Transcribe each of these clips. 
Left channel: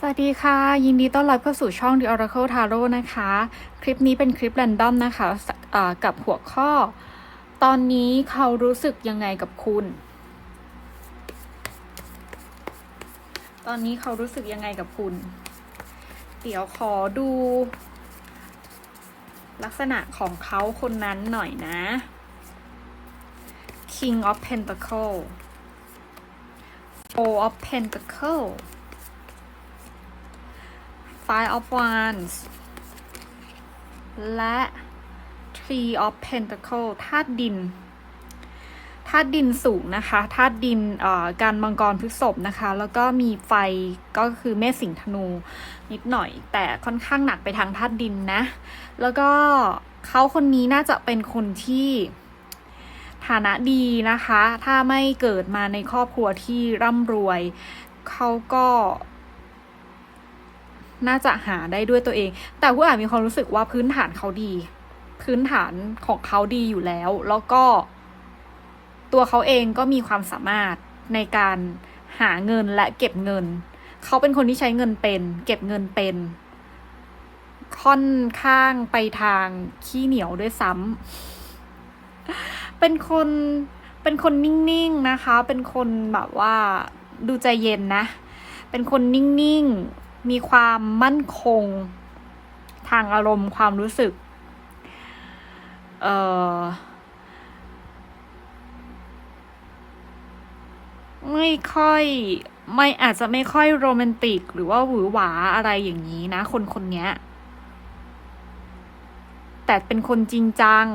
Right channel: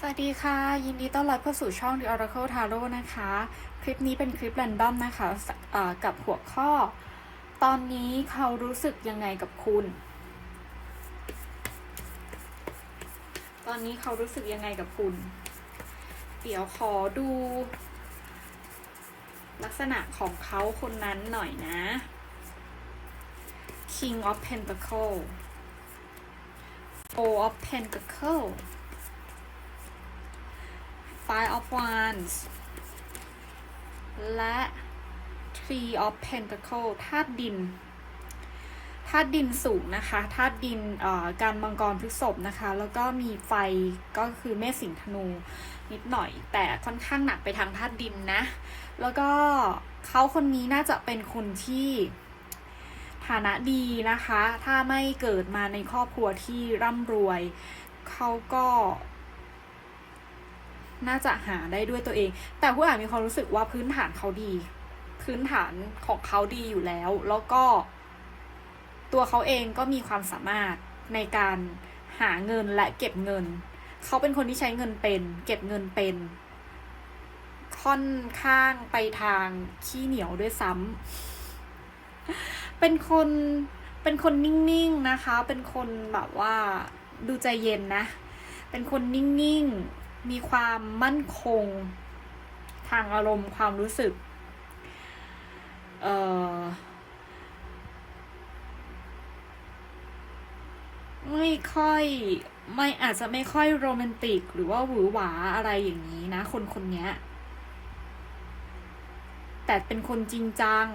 สวัสดีค่ะ ยินดีต้อนรับเข้าสู่ช่อง The Oracle Tarot นะคะ คลิปนี้เป็นคลิป r รนดอมนะคะสอ่ากับหัวข้อ ตอนนี้เขารู้สึกยังไงกับคุณ ตอนนี้เขารู้สึกยังไงกับคุณ เดี๋ยวขอดู ลักษณะของเขาคนนั้นหน่อยนะ King of Pentacle Four of Pentacle Five of Wands และ Three of Pentacle ธาตุดินธาตุดินสูงนะคะธาตุดินการมังกรพฤษภนะคะ แล้วก็มีไฟก็คือเมษสิงธนูนิดหน่อย แต่ค่อนข้างหนักไปทางธาตุดินนะ แล้วก็เขาคนนี้น่าจะเป็นคนที่ฐานะดีนะคะ ถ้าไม่เกิดมาในครอบครัวที่ร่ำรวย เขาก็ น่าจะหาได้ด้วยตัวเอง แต่ผู้อ่านมีความรู้สึกว่าพื้นฐานเขาดี พื้นฐานของเขาดีอยู่แล้ว แล้วก็ ตัวเขาเองก็มีความสามารถในการหาเงินและเก็บเงิน เขาเป็นคนที่ใช้เงินเป็น เก็บเงินเป็น ค่อนข้างไปทางขี้เหนียวด้วยซ้ำเป็นคนเป็นคนนิ่งๆนะคะ เป็นคนแบบว่าดูใจเย็นนะ เป็นคนนิ่งๆ มีความมั่นคง ทางอารมณ์ความรู้สึก เอ่อ ไม่ค่อยไม่อาจจะไม่ค่อยโรแมนติก หรือว่าหวือหวาอะไรอย่างนี้นะ คนคนนี้แต่เป็นคนจริงจัง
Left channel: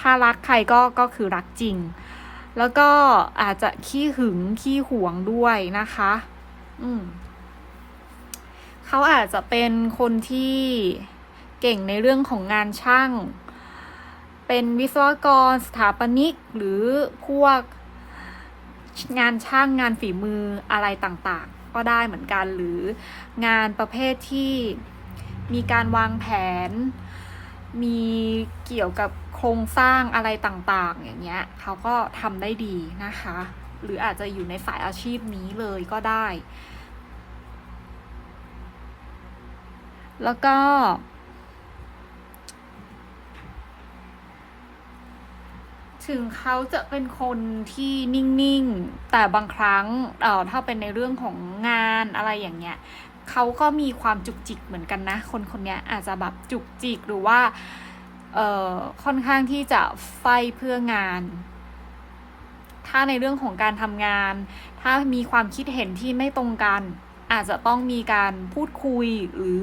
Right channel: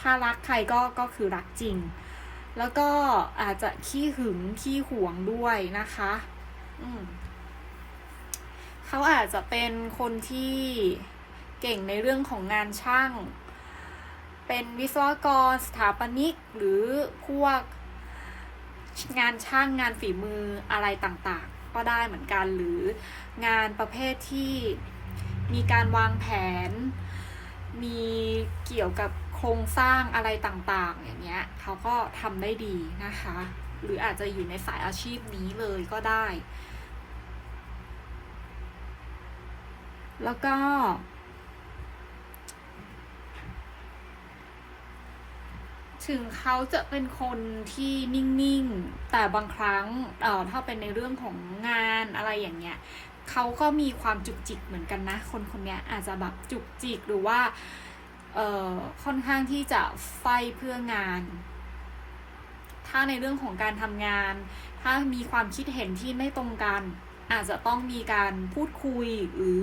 ถ้ารักใครก็ก็คือรักจริง แล้วก็อาจจะขี้หึงขี้หวงด้วยนะคะ อืม เขาอาจจะเป็นคนที่เก่งในเรื่องของงานช่าง เป็นวิศวกรสถาปนิกหรือพวกงานช่างงานฝีมืออะไรต่างๆ ก็ได้เหมือนกันหรืองานประเภทที่มีการวางแผน มีเกี่ยวกับโครงสร้างอะไรต่างๆ อย่างเงี้ยเขาก็ทำได้ดีนะคะ หรืออาจจะอยู่ในสายอาชีพนี้เลยก็ได้ แล้วก็ ถึงเขาจะเป็นคนที่นิ่งๆ แต่บางครั้งเอ่อถ้าเป็นในเรื่องของงานอะไรอย่างเงี้ยเขาก็มีความจุกจิกเหมือนกันนะ คนคนนี้อาจจะแบบจุกจิกหรือว่าเอ่อค่อนข้างที่จะไฟเพื่องาน ถ้าในเรื่องของการทำงาน ถ้ามีความคิดเห็นที่ไม่ตรงกัน อาจจะต้องมีการพูดคุยหรือ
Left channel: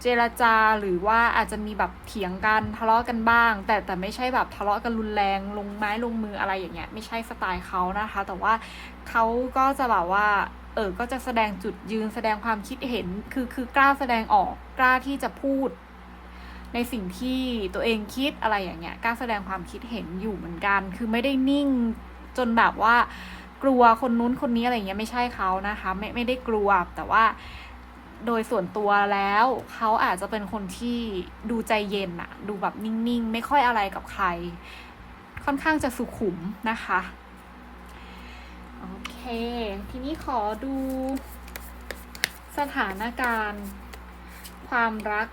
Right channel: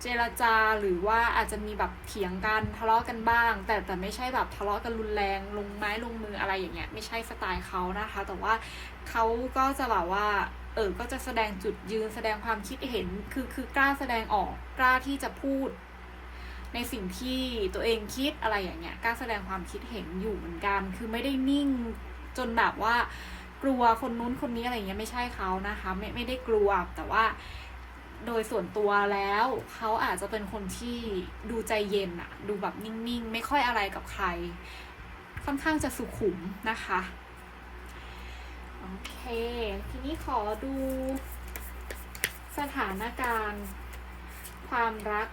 เจรจาหรือว่าอาจจะมีแบบเถียงกันทะเลาะกันบ้าง แต่แต่ไม่ใช่แบบทะเลาะกันรุนแรงลงไม้ลงมืออะไรอย่างเงี้ยไม่ใช่สไตล์เขานะคะ แต่ว่าเขาก็จะแบบว่าเออก็จะแสดงจุดยืนแสดงความคิดเห็นคือคือกล้าแสดงออกกล้าที่จะพูด ในสิ่งที่ตัวเองคิดอะไรอย่างเงี้ยกล้าแสดงความคิดเห็นอยู่เหมือนกัน คือไม่ได้นิ่งจนแบบว่า กลัวคนนู้นคนนี้อะไรเงี้ยไม่ใช่เขานะคะ ไม่ไม่ได้กลัวแต่ว่าโดยส่วนตัวแล้วเขาอาจจะเป็นคนที่ดูใจเย็นอะดูแบบนิ่งๆ ไม่ค่อยอะไรกับใคร ค่อนข้างจะสุขุมนะคะโอเค ทีนี้ขอดูสถานการณ์ความรัก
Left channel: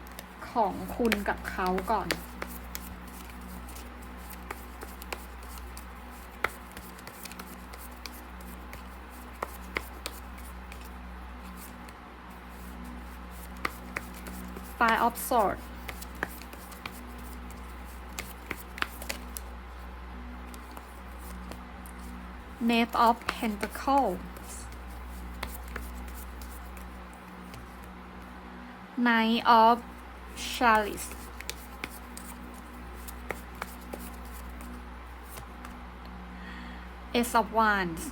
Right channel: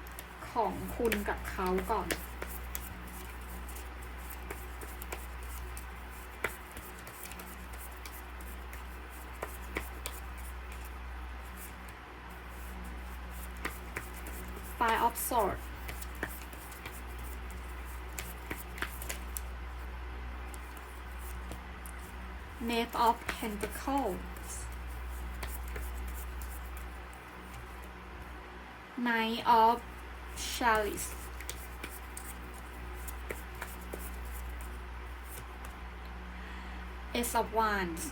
ของคุณกับเขาก่อน Five of Swords Knave of Pentacles Knight of Chalice Ace of Wands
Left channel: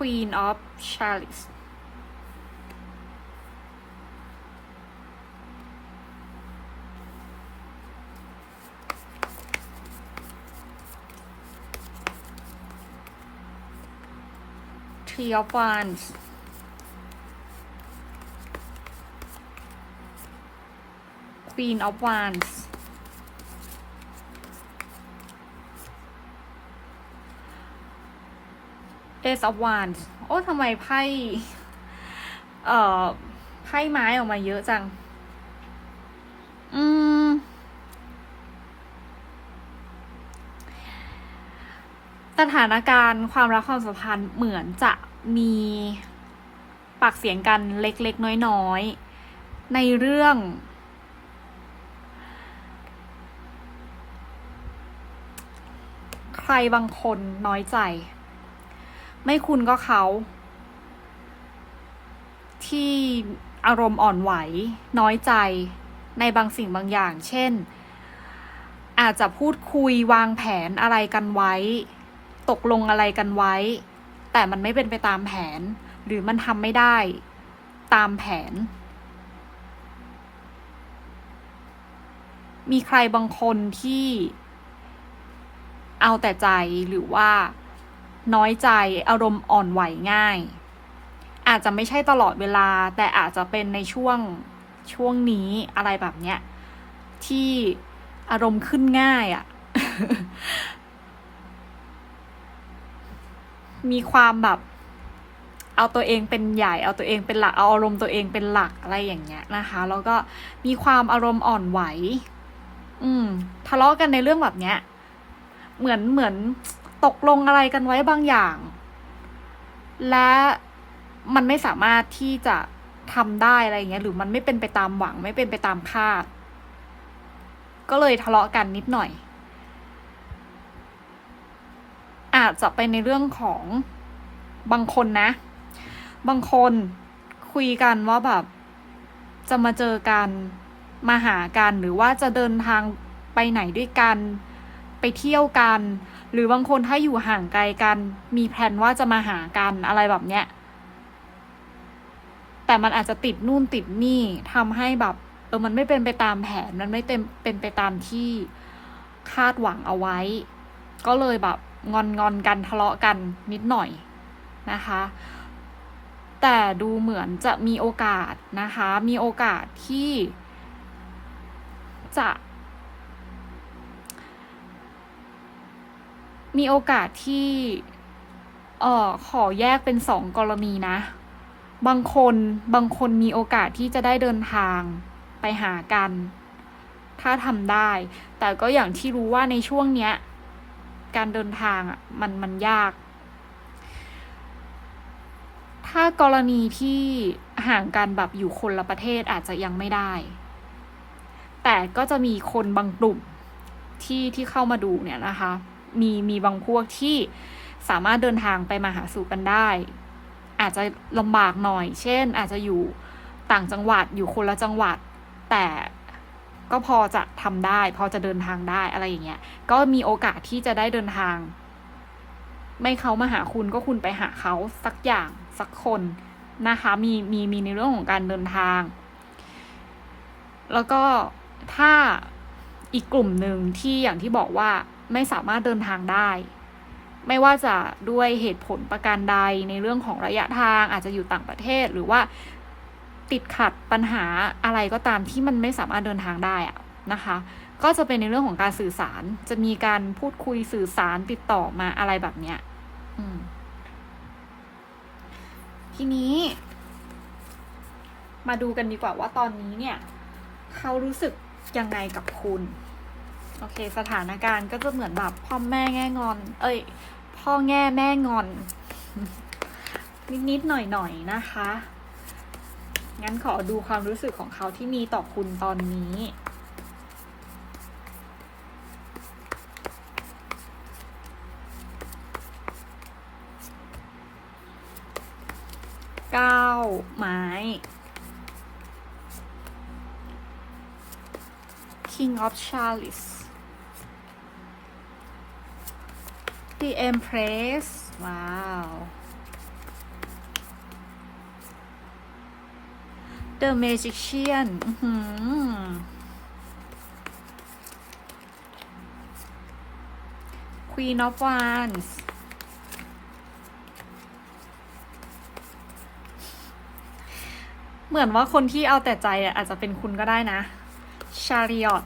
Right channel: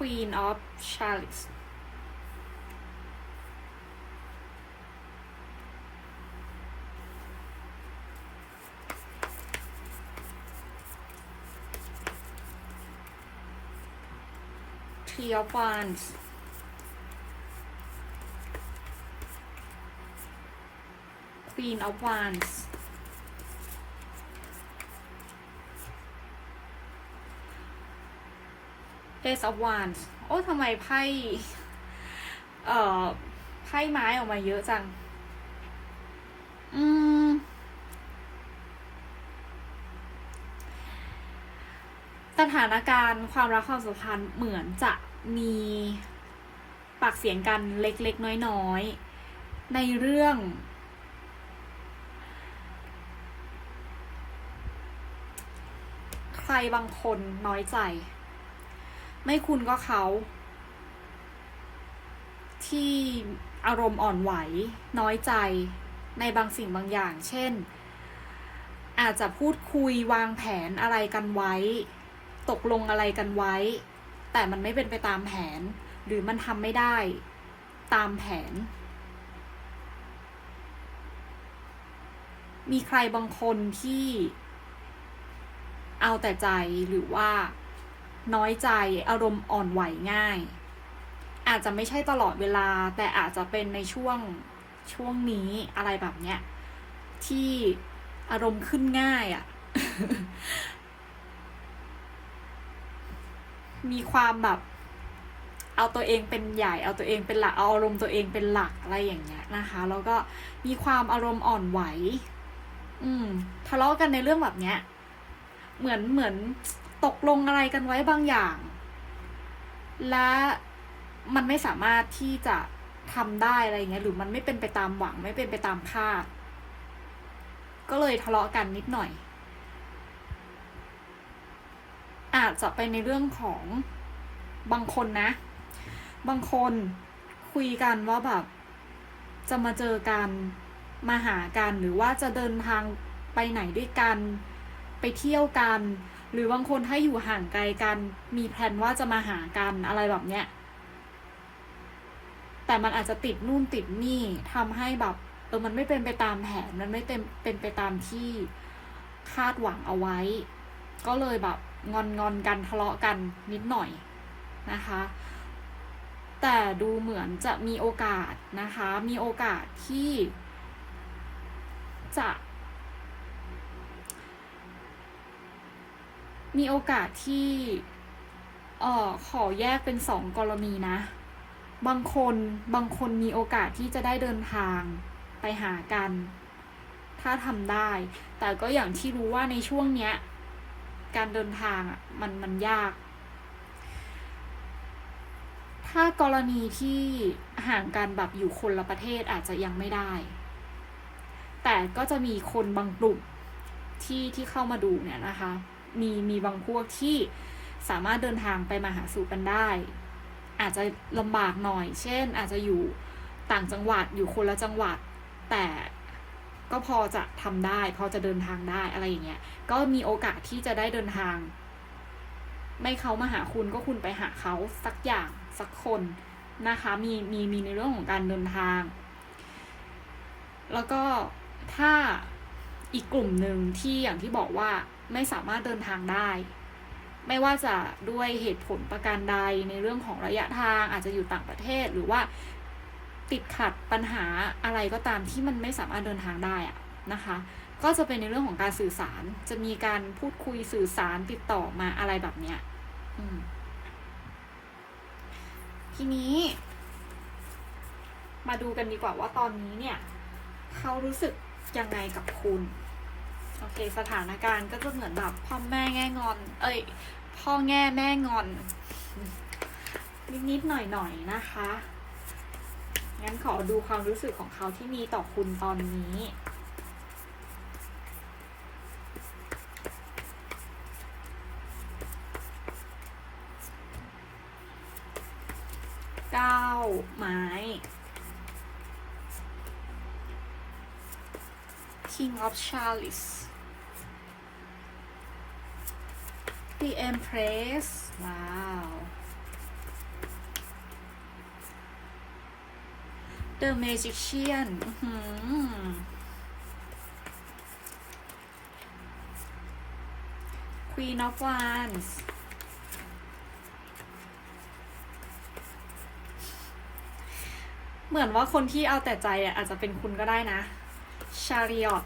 Queen of Chalice. Three of Wands. Queen of Wands Ace of Wands โอ้ทำไมไพ่เอ่อไพ่ไม้ออกมาเยอะจัง อืม สถานการณ์ความรักความสัมพันธ์เหมือนจะมีปากเสียงกันเล็กๆ น้อยๆ ในเรื่อง ใครบางคนน้อยใจ ไม่คุณก็เขา ที่อารมณ์อ่อนไหว น้อยใจในบางสิ่งบางอย่าง เช่น อาจจะพูดคุยวางแผนอะไรกันไว้ ตกลงอะไรกันไว้ แต่มันไม่เป็นไปตามแผน หรือมันทำไม่ได้ตามแผน มีใครบางคนที่เอาแต่ใจหรือว่า น้อยใจ อารมณ์อ่อนไหวง่าย อาจจะไม่ใช่ตลอดเวลา แต่อาจจะเป็นในช่วงช่วงนี้อะไรแบบเนี้ยที่อารมณ์ขึ้นง่ายอะ่ะ มีความแบบ เอาตัวเองเป็นใหญ่ เอาตัวเองเป็นหลัก เอาอารมณ์ตัวเองเป็นหลักอะไรอย่างเงี้ยนะคะ แล้วก็มีความอารมณ์อ่อนไหว อืม ทะเลาะกันในเรื่องแบบเนี้ย เหมือนเหมือน ตกลงอะไรกันไว้บางอย่าง และมันไม่สามารถที่จะทำได้อะไรเงี้ยหรือมันไม่เป็นไปตามหวังไม่เป็นไปตามคาด ก็เลยทะเลาะกันนิดหน่อย อาจจะไปในเรื่องของบางคนนะ บางคนคุยกันว่าแบบจะมาเจอกันมาหากันหรือว่าจะเดินทางไปไหนด้วยกัน ไปเที่ยวกัน หรือบางคนถ้าอยู่ห่างไกลกัน มีแผนว่าจะมาหากันอะไรแบบเนี้ย แต่มันอาจจะติดนู่นติดนี่ทำให้แบบเออมันไม่เป็นไปตามแผน มันไม่เต็มเป็นไปตามที่คาดหวังเอาไว้ ก็เลยแบบงอนงอนกันทะเลาะกันนิดหน่อยนะคะ แต่ดูเหมือนจะมีโอกาสนะคะ มีโอกาสที่จะ มีโอกาสที่เอ่อขอแยกเป็นสองกรณีนะ บางคนบางคนมีโอกาสที่จะได้เดินทางไปหากัน ถ้าทำได้ แต่ก็อย่างที่รู้ว่าในช่วงเนี้ย การเดินทางอะมันมันยาก ถ้ากรณีที่ห่างกันแบบอยู่คนละประเทศอาจจะยังไม่ได้ แต่ก็จะมีคนบางกลุ่มที่ที่เข้ามาดูเนี่ยนะคะ มีมีบางพวกที่สามารถเดินทางไปมาหาสู่กันได้ อาจจะลำบากหน่อย เช่น อาจจะอยู่ต่างจังหวัดอยู่คนละจังหวัด แต่ก็พอจะทำได้ พอจะเดินทางได้อะไรอย่างเงี้ย ก็มีโอกาสที่จะได้เดินทาง ไม่เขามาหาคุณก็คุณไปหาเขาสักอย่างสักคนนะคะ มีมีมีในเรื่องของการเดินทาง แล้วก็ถ้าอีกกลุ่มหนึ่งที่อย่างที่บอกว่า ไม่สามารถเดินทางได้ ไม่ว่าจะด้วยเหตุผลประการใดในเรื่องของระยะทางอาจจะอยู่ต่างประเทศหรือว่าติดขัดปัญหาอะไรก็ตามที่มันไม่สามารถเดินทางได้อะนะคะ ก็จะเป็นในเรื่องของการสื่อสาร จะมีการพูดคุยสื่อสารติดต่อมาอะไรแบบเนี้ยทีนี้ มาดูกันดีกว่าว่าตอนนี้เนี่ย เขารู้สึกยังไงกับคุณ โอเค สถานการณ์ก็จะเหมือนแบบพ่อแม่แง่งอน เอ้ย พ่อแง่แม่งอน นิดๆหน่อยๆนะคะ งั้นขอดูความรู้สึกของเขาที่มีต่อคุณตอนนี้เก้าไม้ King of Chalice The Empress ว้าว The Magician อื้อหือ Queen of Wands เหมือนว่าคนที่เอาแต่ใจอะอาจจะเป็นคุณก็ได้นะ Chariot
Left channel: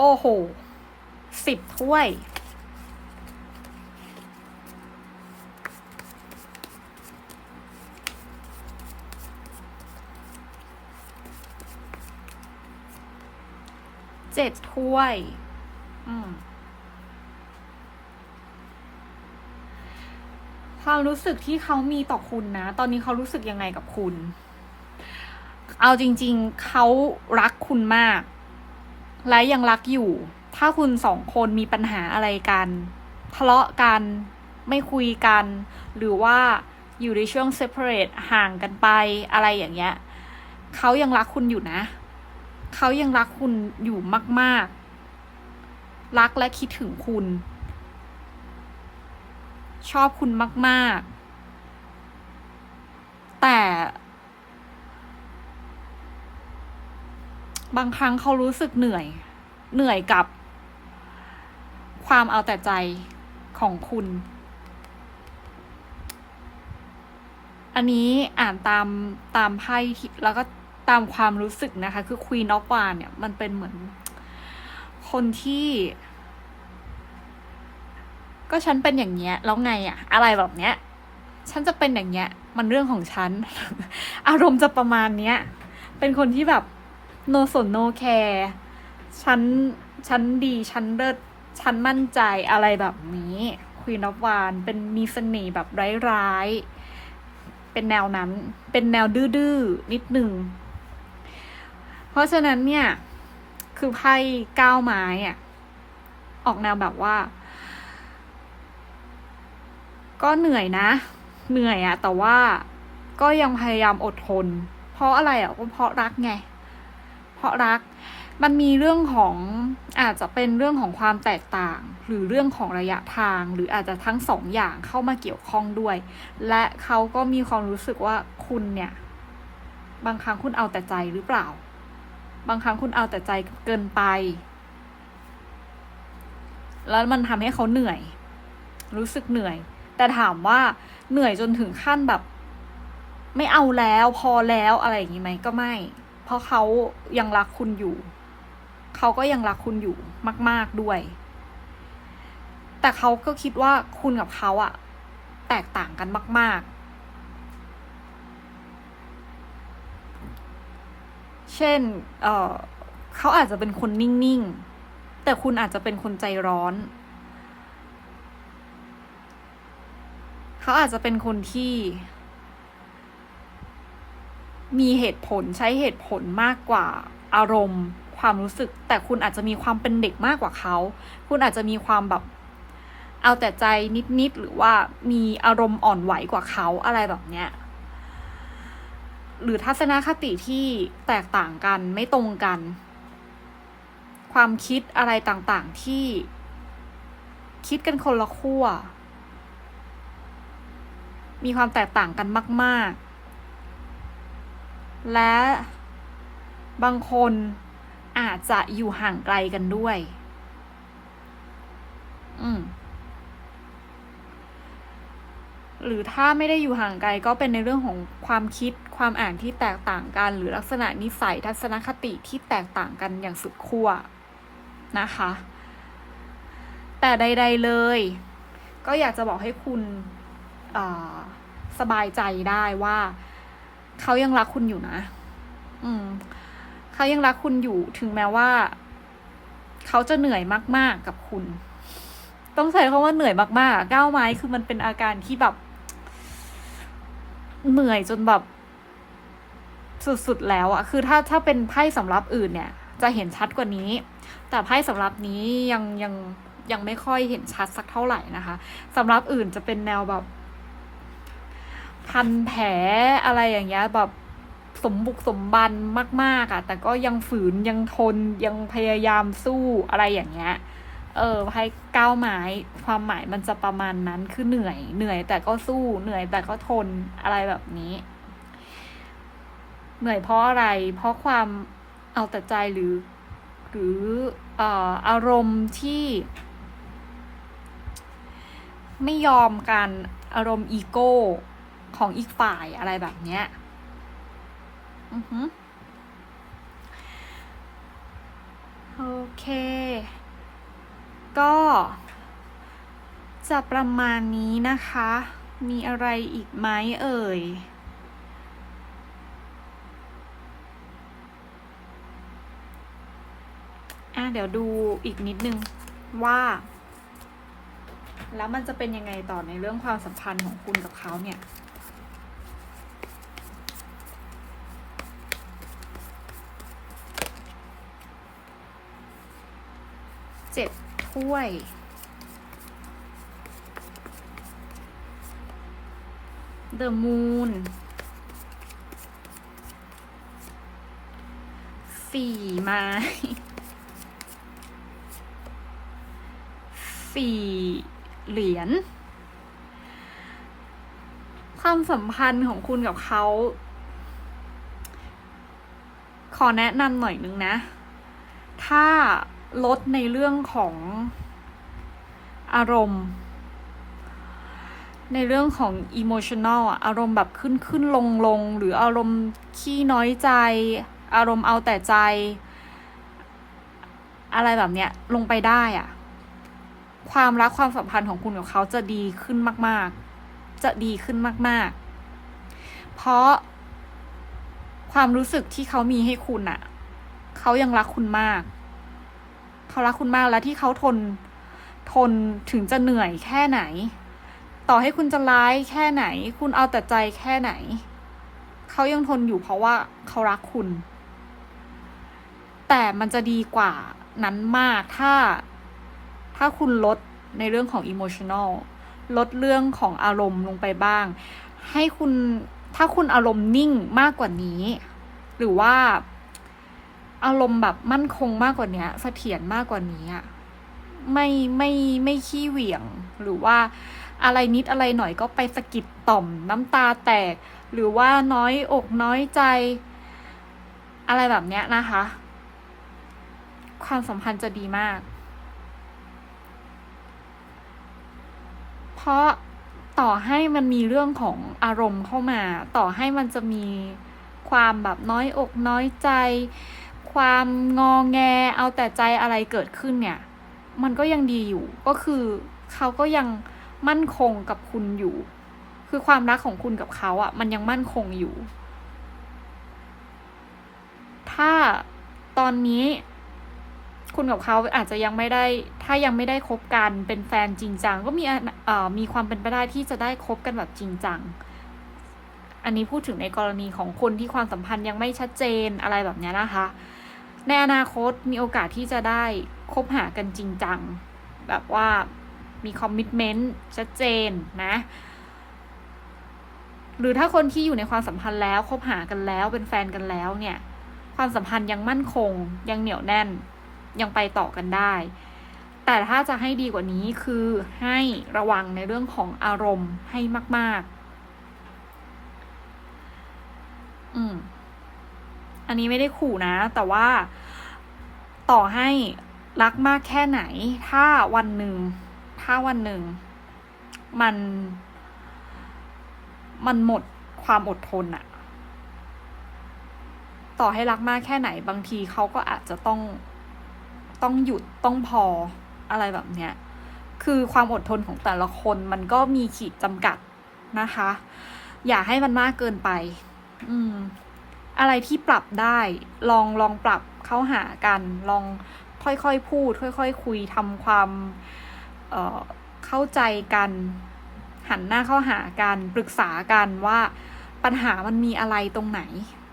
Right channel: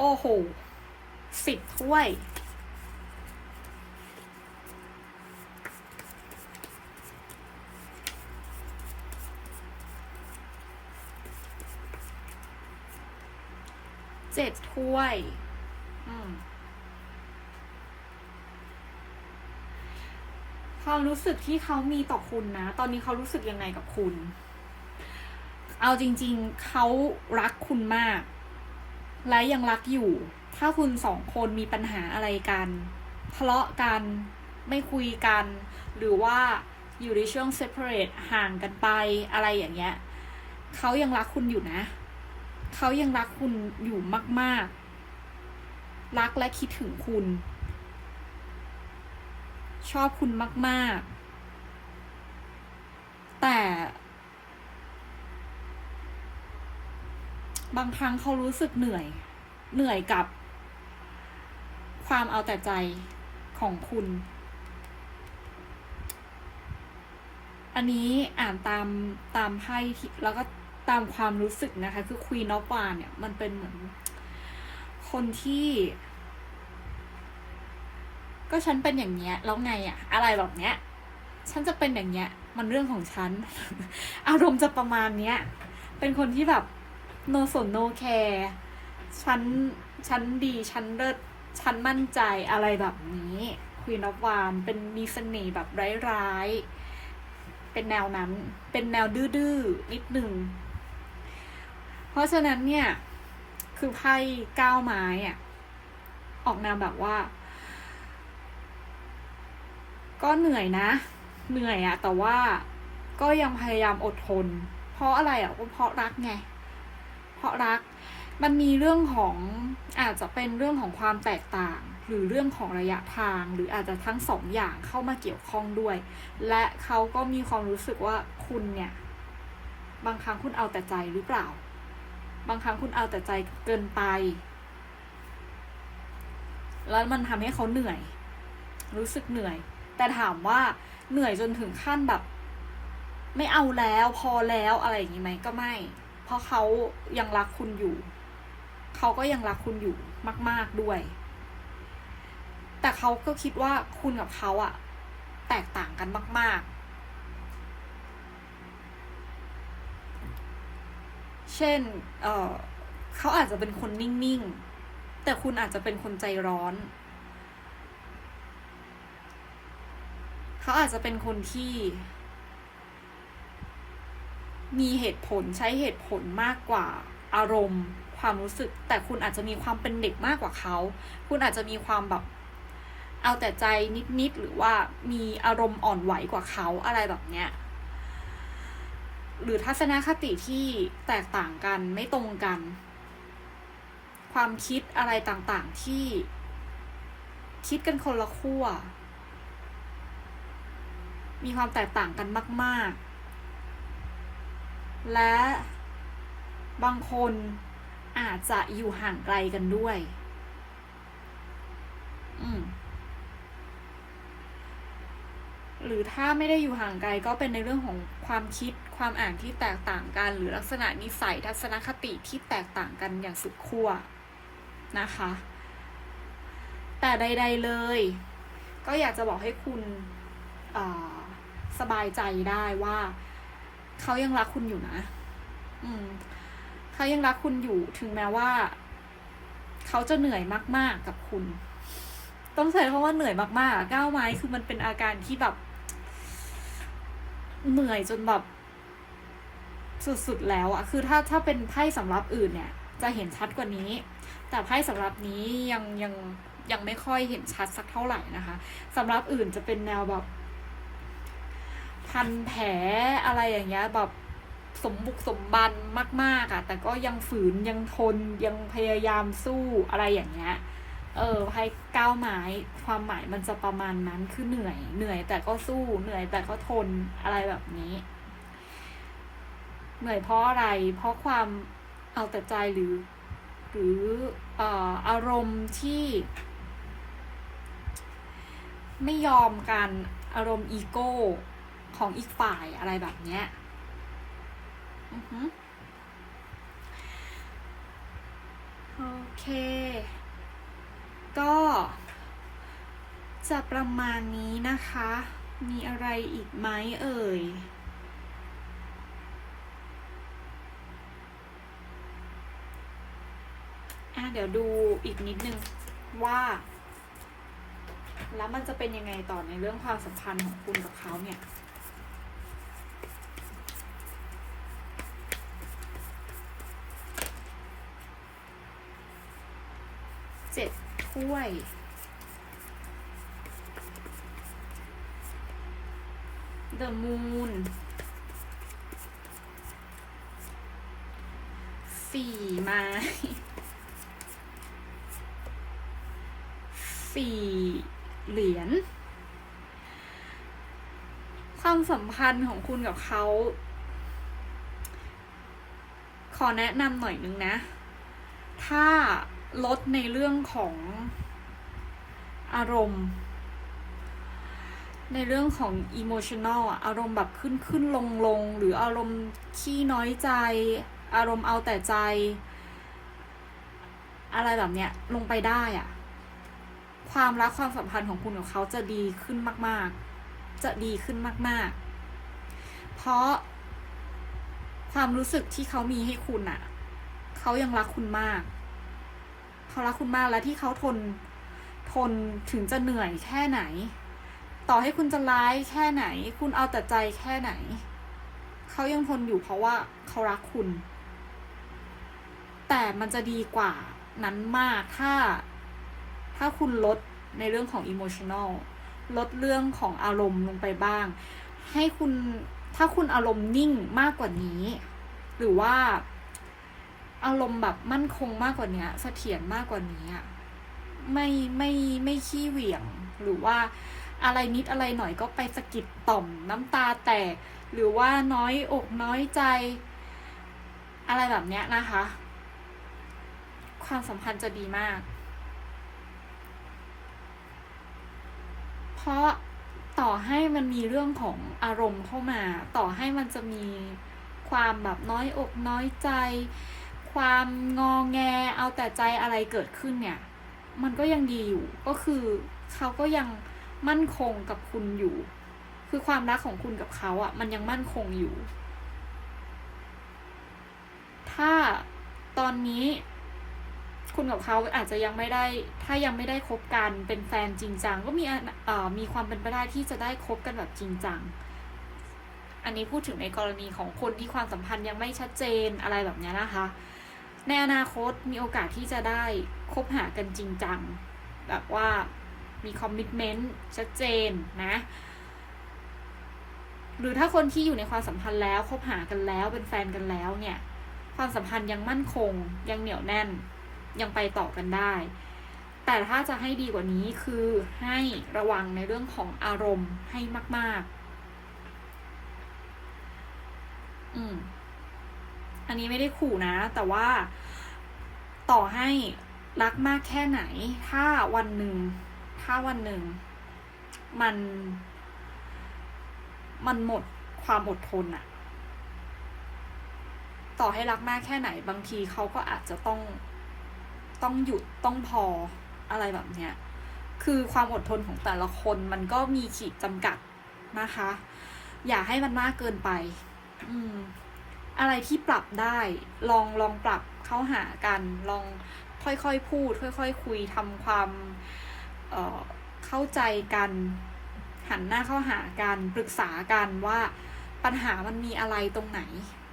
อ้โหสิบถ้วย เจ็ดถ้วย อืมความรู้สึกที่เขามีต่อคุณนะ ตอนนี้เขารู้สึกยังไงกับคุณ เอาจริง ๆ เขารักคุณมาก และยังรักอยู่ ถ้าคุณสองคนมีปัญหาอะไรกัน ทะเลาะกันไม่คุยกัน หรือว่าอยู่ในช่วง separate ห่างกันไปอะไรอย่างเงี้ยเขายังรักคุณอยู่นะ เขายังรักคุณอยู่มาก ๆ รักและคิดถึงคุณ ชอบคุณมาก ๆ แต่ บางครั้งเขารู้สึกเหนื่อย เหนื่อยกับ ความเอาแต่ใจของคุณ อันนี้อ่านตามตามไพ่แล้วก็ตามความรู้สึกนะคะ คือ Queen of w a n เนี่ย มันเป็นเหมือน คนที่ ก็ฉันเป็นอย่างเงี้ย แล้วไงอะอะไรแบบเนี้ย ฉันจะเป็นอย่างเงี้ย มันเรื่องของฉัน อารมณ์จะประมาณเนี้ย เป็นคนที่แบบ no สน no care ฉันฉันดีฉันเลิศฉันมั่นใจอะไรแบบนี้ Queen of w a n เป็นมีเสน่ห์แบบร้ายๆ เป็นแนวนั้น เป็นแนวดื้อๆนิดหนึ่ง เพราะฉะนั้นเนี่ย คือไพ่ก้าวไม้อะออกแนวแบบว่า ก็เหนื่อยนะ เหนื่อยอะแต่ว่าก็ยังพยายามอดทน เพราะอะไรอะเพราะรักไง เพราะรัก มันมีเรื่องของอาจจะเป็นเรื่องของความแตกต่าง หรือเรื่องของระยะทาง หรืออาจจะทั้งสองอย่างเข้ามาเกี่ยวข้องด้วย และเขาก็มีความรู้สึกว่าคุณเนี่ยบางครั้งคุณเอาแต่ใจหรือเปล่า บางครั้งคุณเอาแต่ใจเกินไป แล้วมันทำให้เขาเหนื่อย รู้สึกเหนื่อย แต่ถามว่าเหนื่อยจนถึงขั้นแบบ ไม่เอาแล้วพอแล้วอะไรอย่างนี้ไหมก็ไม่ เพราะเขายังรักคุณอยู่ เขาก็ยังรักคุณอยู่มาก ๆด้วย แต่เขาก็คิดว่าคุณกับเขาอะแตกต่างกันมาก ๆ เช่น เออเขาอาจจะเป็นคนนิ่ง ๆ แต่คุณอาจจะเป็นคนใจร้อน เขาอาจจะเป็นคนที่ มีเหตุผลใช้เหตุผลมากกว่าอารมณ์ ความรู้สึก แต่คุณอาจจะมีความเป็นเด็กมากกว่าเขา คุณอาจจะมีความแบบเอาแต่ใจนิดๆหรือว่ามีอารมณ์อ่อนไหวกว่าเขาอะไรแบบเนี้ยหรือทัศนคติที่แตกต่างกันไม่ตรงกัน ความคิดอะไรต่างๆที่ คิดกันคนละขั้วมีความแตกต่างกันมาก ๆ และบางคนอาจจะอยู่ห่างไกลกันด้วย อืมหรือถ้าไม่ได้อยู่ห่างไกลก็เป็นในเรื่องของความคิดความอ่านที่แตกต่างกัน หรือลักษณะนิสัยทัศนคติที่แตกต่างกันอย่างสุดขั้วนะคะ แต่ใด ๆเลย ก็อยากจะบอกให้คุณสบายใจได้ว่า เขายังรักคุณอยู่นะ อืม เขายังรักคุณอยู่ถึงแม้ว่า เขาจะเหนื่อยมาก ๆ กับคุณ ต้องใช้คำว่าเหนื่อยมากๆก้าวไม้คือมันเป็นอาการที่แบบ เหนื่อยจนแบบ สุด ๆ แล้วอะคือถ้าถ้าเป็นไพ่สำรับอื่นเนี่ย จะเห็นชัดกว่านี้ แต่ไพ่สำรับนี้ยังยังยังไม่ค่อยเห็นชัดสักเท่าไหร่นะคะสำรับอื่นจะเป็นแนวแบบ พันแผลอะไรอย่างเงี้ยแบบสมบุกสมบันมาก ๆอะแต่ก็ยังฝืนยังทนยังพยายามสู้อะไรอย่างเงี้ย เออไพ่ก้าวไม้ความหมายมันจะประมาณนั้นคือเหนื่อยเหนื่อยแต่ก็สู้เหนื่อยแต่ก็ทนอะไรแบบนี้ เหนื่อยเพราะอะไร เพราะความเอาแต่ใจหรือ หรือออารมณ์ที่ ไม่ยอมการอารมณ์อีโก้ ของอีกฝ่ายอะไรแบบเนี้ยอือหือโอเค ก็จะประมาณนี้นะคะ มีอะไรอีกไหมเอ่ย อะ เดี๋ยวดูอีกนิดนึงว่า แล้วมันจะเป็นยังไงต่อในเรื่องความสัมพันธ์ของคุณกับเขาเนี่ย เจ็ด ถ้วย The Moon สี่ไม้สี่เหรียญ ความสัมพันธ์ของคุณกับเขา ขอแนะนำหน่อยนึงนะ ถ้า ลดในเรื่องของอารมณ์ ในเรื่องของ emotional อะอารมณ์แบบขึ้นขึ้นลงลงหรืออารมณ์ขี้น้อยใจ อารมณ์เอาแต่ใจ อะไรแบบเนี้ยลงไปได้อะความรักความสัมพันธ์ของคุณกับเขาจะดีขึ้นมาก ๆ จะดีขึ้นมาก ๆ เพราะความรู้สึกที่เขามีให้คุณอะเขายังรักคุณมาก เขารักคุณมากและที่เขาทนทนถึงจะเหนื่อยแค่ไหน ต่อให้คุณจะร้ายแค่ไหน คุณเอาแต่ใจแค่ไหน เขายังทนอยู่เพราะว่าเขารักคุณ แต่มันจะดีกว่านั้นมากถ้าถ้าคุณลดในเรื่องของ emotional ลดเรื่องของอารมณ์ลงไปบ้าง ให้คุณถ้าคุณอารมณ์นิ่งมากกว่านี้ หรือว่า อารมณ์แบบมั่นคงมากกว่านี้เสถียรมากกว่านี้อะไม่ไม่ไม่ขี้เหวี่ยงหรือว่าอะไรนิดอะไรหน่อยก็ไปสะกิดต่อมน้ำตาแตก หรือว่าน้อยอกน้อยใจ อะไรแบบเนี้ยนะคะ ความสัมพันธ์จะดีมาก เพราะต่อให้มันมีเรื่องของอารมณ์เข้ามา ต่อให้มันจะมีความแบบน้อยอกน้อยใจ ความงอแงเอาแต่ใจอะไรเกิดขึ้นเนี่ย มันก็ยังดีอยู่ ก็คือเขาก็ยังมั่นคงกับคุณอยู่ คือความรักของคุณกับเขาอะ่ะ มันยังมั่นคงอยู่ ถ้าตอนนี้คุณกับเขาอาจจะยังไม่ได้ ถ้ายังไม่ได้คบกันเป็นแฟนจริงจังก็มีเอ่อมีความเป็นไปได้ที่จะได้คบกันแบบจริงจัง อันนี้พูดถึงในกรณีของคนที่ความสัมพันธ์ยังไม่ชัดเจนอะไรแบบนี้นะคะ ในอนาคตมีโอกาสที่จะได้คบหากันจริงจัง แบบว่ามีคอมมิชเมนต์ชัดเจนนะ หรือถ้าคนที่อยู่ในความสัมพันธ์แล้วคบหากันแล้วเป็นแฟนกันแล้วเนี่ย ความสัมพันธ์ยังมั่นคง ยังเหนียวแน่น ยังไปต่อกันได้ แต่ถ้าจะให้ดีกว่านี้คือให้ระวังในเรื่องของอารมณ์ให้มาก ๆ อืม อันนี้ไม่ได้ขู่นะ แต่ว่าต่อให้รักมากแค่ไหน ถ้าวันหนึ่ง ถ้าวันหนึ่ง มัน มันหมดความอดทนอะต่อให้รักมากแค่ไหน บางทีเขาก็อาจจะต้อง ต้องหยุด ต้องพอ อะไรแบบเนี้ย คือความอดทนของแต่ละคนมันก็มีขีดจำกัดนะคะ อย่าให้มันมากเกินไป อืม อะไรที่ปรับได้ ลองลองปรับเข้าหากัน ลองค่อยๆพูด ค่อยๆคุยทำความเเข้าใจกัน หันหน้าเข้าหากัน ปรึกษากันว่าปัญหามันมีอะไรตรงไหน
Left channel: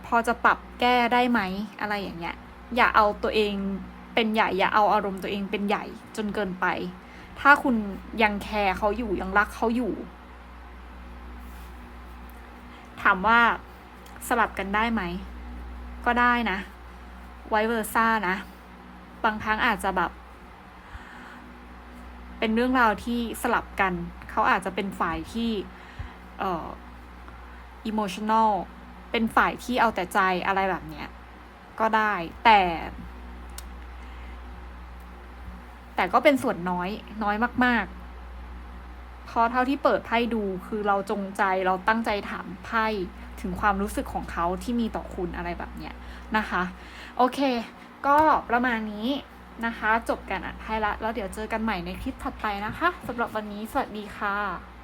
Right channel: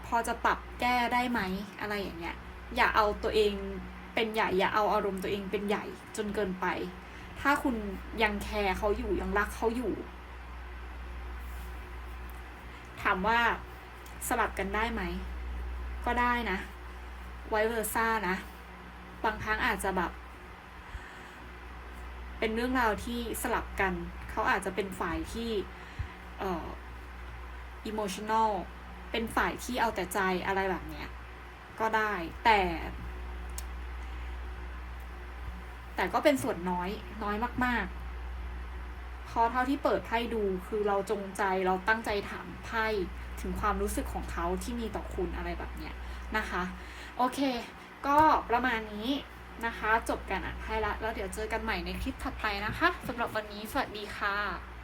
พอจะปรับแก้ได้ไหมอะไรอย่างเงี้ย อย่าเอาตัวเองเป็นใหญ่ อย่าเอาอารมณ์ตัวเองเป็นใหญ่จนเกินไป ถ้าคุณยังแคร์เขาอยู่ยังรักเขาอยู่ ถามว่า สลับกันได้ไหม ก็ได้นะไวเวอร์ซ่านะ บางครั้งอาจจะแบบ เป็นเรื่องราวที่สลับกัน เขาอาจจะเป็นฝ่ายที่เอ่อ emotional เป็นฝ่ายที่เอาแต่ใจอะไรแบบเนี้ย ก็ได้แต่ แต่ก็เป็นส่วนน้อยน้อยมาก ๆ เพราะเท่าที่เปิดไพ่ดูคือเราจงใจเราตั้งใจถามไพ่ถึงความรู้สึกของเขาที่มีต่อคุณอะไรแบบเนี้ยนะคะ โอเค ก็ประมาณนี้นะคะ จบกันอะไพ่ละ แล้วเดี๋ยวเจอกันใหม่ในคลิปถัดไปนะคะสำหรับวันนี้สวัสดีค่ะ